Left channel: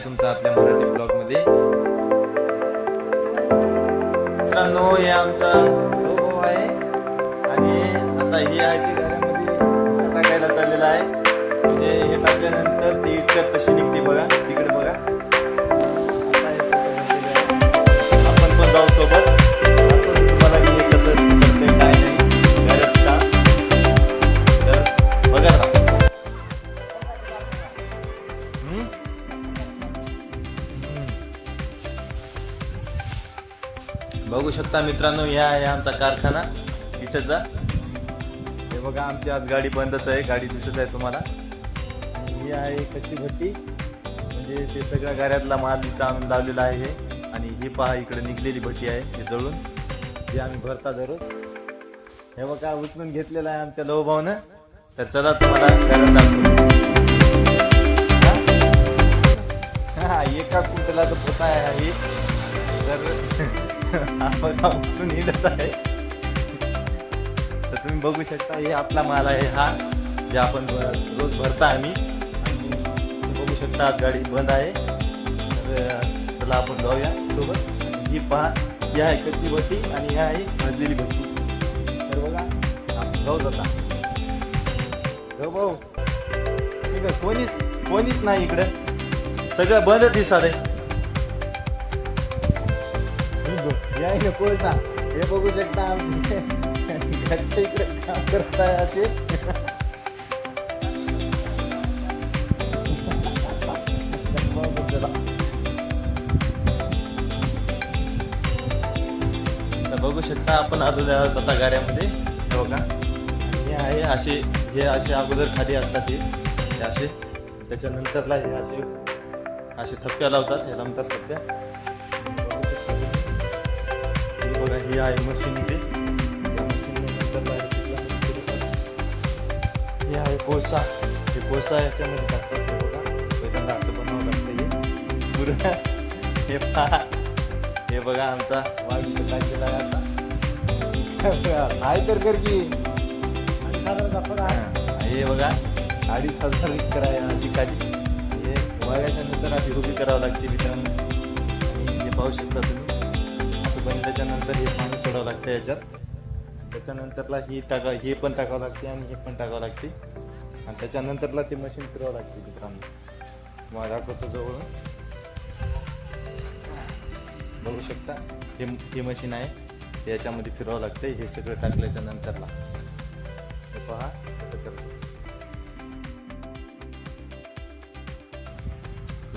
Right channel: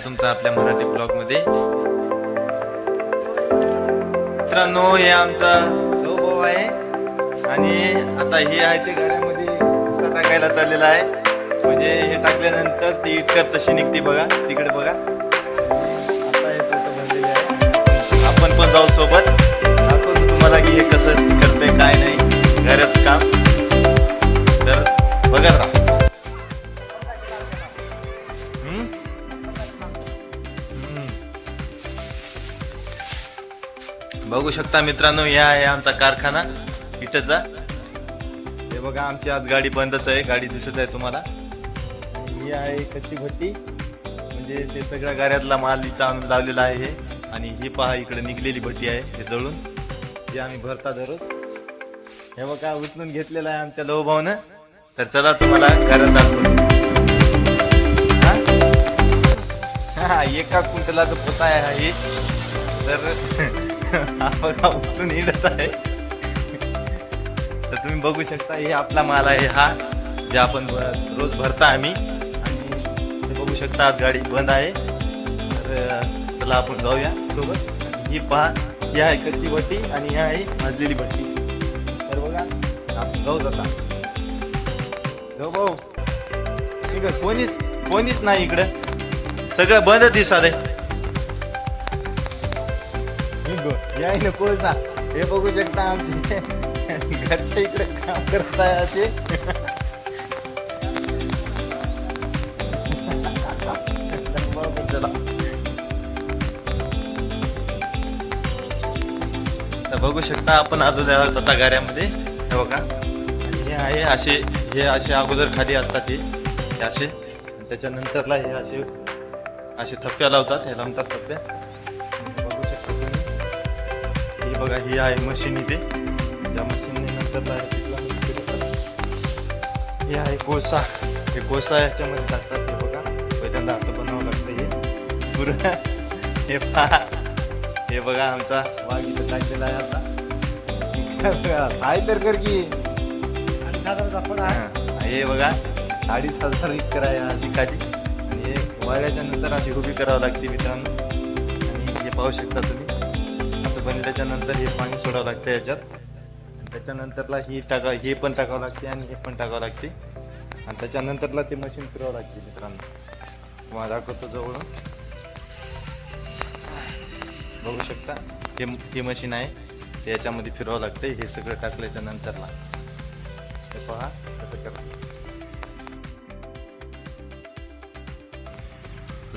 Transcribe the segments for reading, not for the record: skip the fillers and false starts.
तुमचं आपल्या मराठी ब्लॉग मध्ये. मित्रांनो, हे आमचा भाऊ आहे आणि आता हे आहे ते घरामध्ये भुसा टाकायला चाललेला आहे. म्हणजे हे टाकल्यानंतर ती इटकर तशी निघते बघा, तिकडे बघा. आता हे पोतं भरलेलं आहे. आपण पण जाऊ सोबत, दाखवतो तुम्हाला की हे कसं करतंय काय नाही घराचं काम. तर बघा राहा. बघू शकता मित्रांनो, या आहे आमचा कारखाना इटचा. हे बघा, आमची आज गाडी बंदच आहे. गाडी दिसत आहे तुम्हाला. ही आहे कच्ची भट्टी, म्हणजे ते सगळ्या गाड्यातला माल इथं आणून लावलेला आहे हे. आणि ही पहा, इकडे निघलेली भट्टी आहे हे जळून, जी आम्ही भरता दररोज. हे बघा, उचलून घेतलेलं आहे आमच्या लवभाऊनं. तर चला तुम्हाला घरात दाखवतो. एका कुंटलाचं पोता आहे हे. तर बघा, उचलून हिंडत आहे. तर तुम्ही बघू शकता, हे आपला माल आहे हा, जे आपण रोज भरता आम्ही. आणि बघू शकता आज गाडी बंद आहे. तर चला आपण जाऊया सोबत. ही पहा, ही आहे कच्ची भट्टी आणि ही आहे भाजलेली भट्टी. तर बघा, आपण जाऊ जाता. जाऊ भाऊ. ठीक आहे, कोणीच नाही इकडं, सगळं बंद दिसत आहे. यायला कोळसा, हे बघू शकता आमचे घरच्या इकडे काम करत आहे असे. बघू शकता आपण आलेलो आहोत आता गाड्यामध्ये. बघा, हे आहे असे, हे असे अगोदर खाली असतात हे असे. त्याच्यानंतरला हे असे थप्प्या लावतात, हे लावतात थप्प्या. बघू शकता तुम्ही. बघा, ही आहे मशीन इथे. त्या मशीन नंतर हे आहे कोळसा. हे कोळसा ह्याच्यामध्ये टाकतात. हे बघा, पहिल्यांदा असं बनावं लागतं हे पूर्ण. हे पहा, हे बघा आमचा वाज इथं टाकलेला आहे आता. आहे तर कर की. हे बघा, 2,500 इतकर आहे अशी काठी. हे वाळल्याच्या नंतर अशी उभी करावं लागते मित्रांनो. आणि हे पाहू शकता तुम्ही, बनल्याच्या नंतर हे पाणी सोडावं लागतं याच्यात. त्याच्यानंतरला हे पण टाकावं लागते आणि हे पण टाकावं लागते. आणि त्याच्यानंतरला ते मशीन फिरवावं लागते मित्रांनो. तुम्हाला दाखवतो जवळून. बघू शकता, हे मशीन आहे, ते याच्यामध्ये फिरवावं लागतं. हे सगळं टाकल्याच्या नंतरला हे पहा कसं करतो.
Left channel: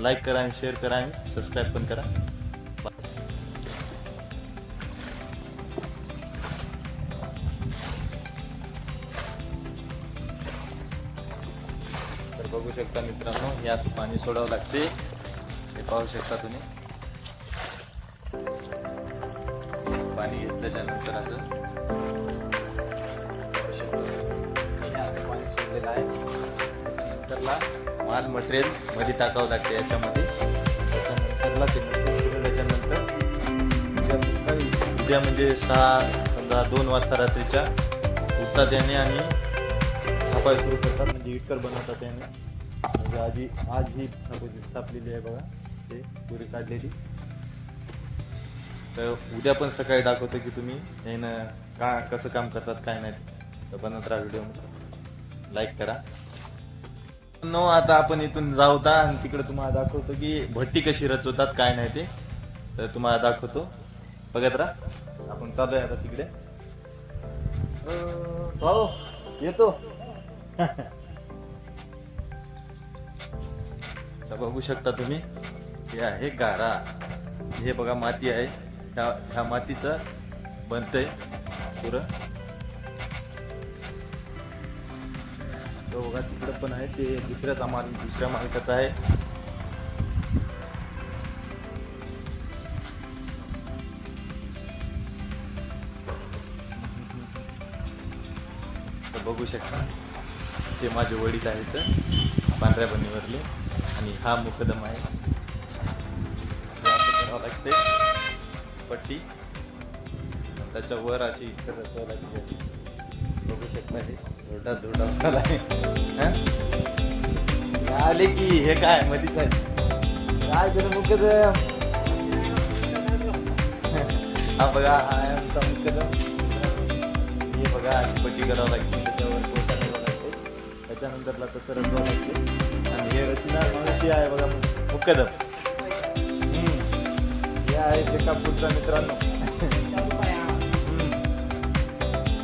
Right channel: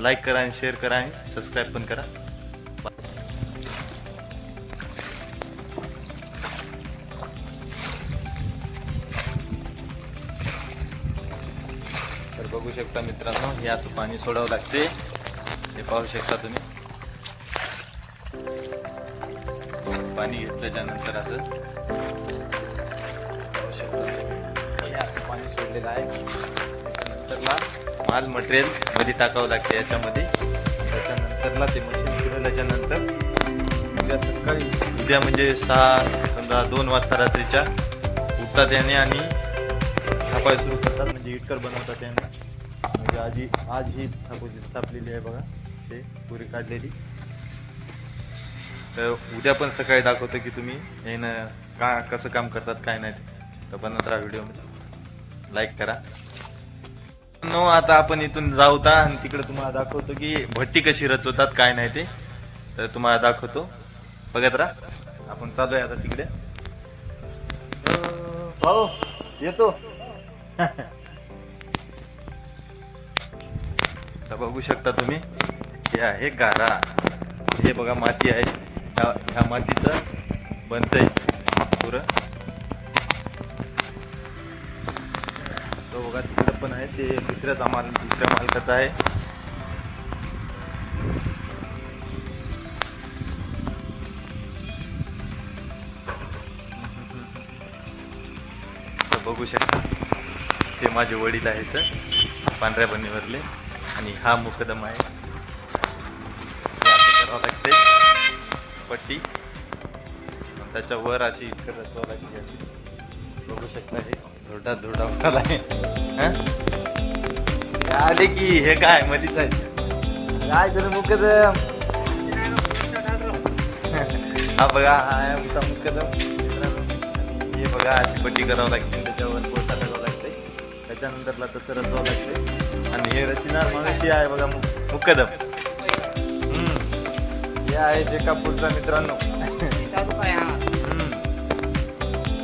लाईक करा आणि शेअर करा आणि सबस्क्राईब पण करा. बघू शकता मित्रांनो, हे असं पाणी सोडावं लागते. हे पाहू शकता तुम्ही. पाणी घेतल्याच्या नंतर असं पाणी सोडलेलं आहे. नंतरला माल मटेरियल मध्ये टाकावं लागते याच्यामध्ये. त्याच्यानंतरला ते मशीन फिरवल्याच्या नंतर उद्या म्हणजे 2 वाजता रात्रीच्या उठतात याने आणि थापाय सुरू करतात. म्हणजे इटकर बनवतात याने. म्हणजे आज ही थापूची स्थापलेली आहे बघा, ते पुरी काढलेली. तर उद्या पण सकाळी दाखवतो की तुम्ही यानं कसं काम करतात काय नाही. तर बनवत राहा व्हिडिओ, लाईक करा. आता आपण इथून जाऊता आणि तिकडे तुम्हाला दाखवतो की भट्टी कशी रचवतात काय नाही ते. तर तुम्हाला दाखवतो, बघत राहा. आपण चालूय आता तिकडे. भाऊ येतो. तर बघू शकता तुम्ही, हे आहे गारा. हे बघा माती आहे, ह्या मातीचं बनतंय पुरं. तो बघा तिकडे पण आहे, ते दुसऱ्या मालकाचं आहे. तर बघू शकता, ते माझे वडील आहेत पांढऱ्या बनीवरले. आणि हा मुकदम आहे. असं करावं लागते पट्टी, त्याच्यावर अशी रचवावं लागते. बघू शकता, हे धोडा उठाला आहे. आले की हे काय मधीच आहे. काय तुझं मुकदम हा बघा हा आहे आमचा मुकदम मित्रांनो. हे बघा अशी पट्टी करावं लागते त्याच्यावर पोता करावं लागते त्याच्यानंतरला तसं रचवावं लागते आणि हे रचणार म्हणून आहे बघा मुकदम. हे आहे जे कापूरचा मित्रांनो.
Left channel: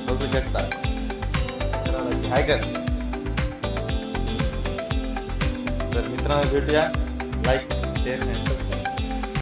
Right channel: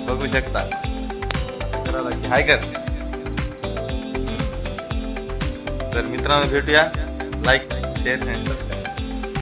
बघू शकता करावं लागते हाय कर. तर मित्रांनो भेटूया लाईक शेअर आणि सबस्क्राईब.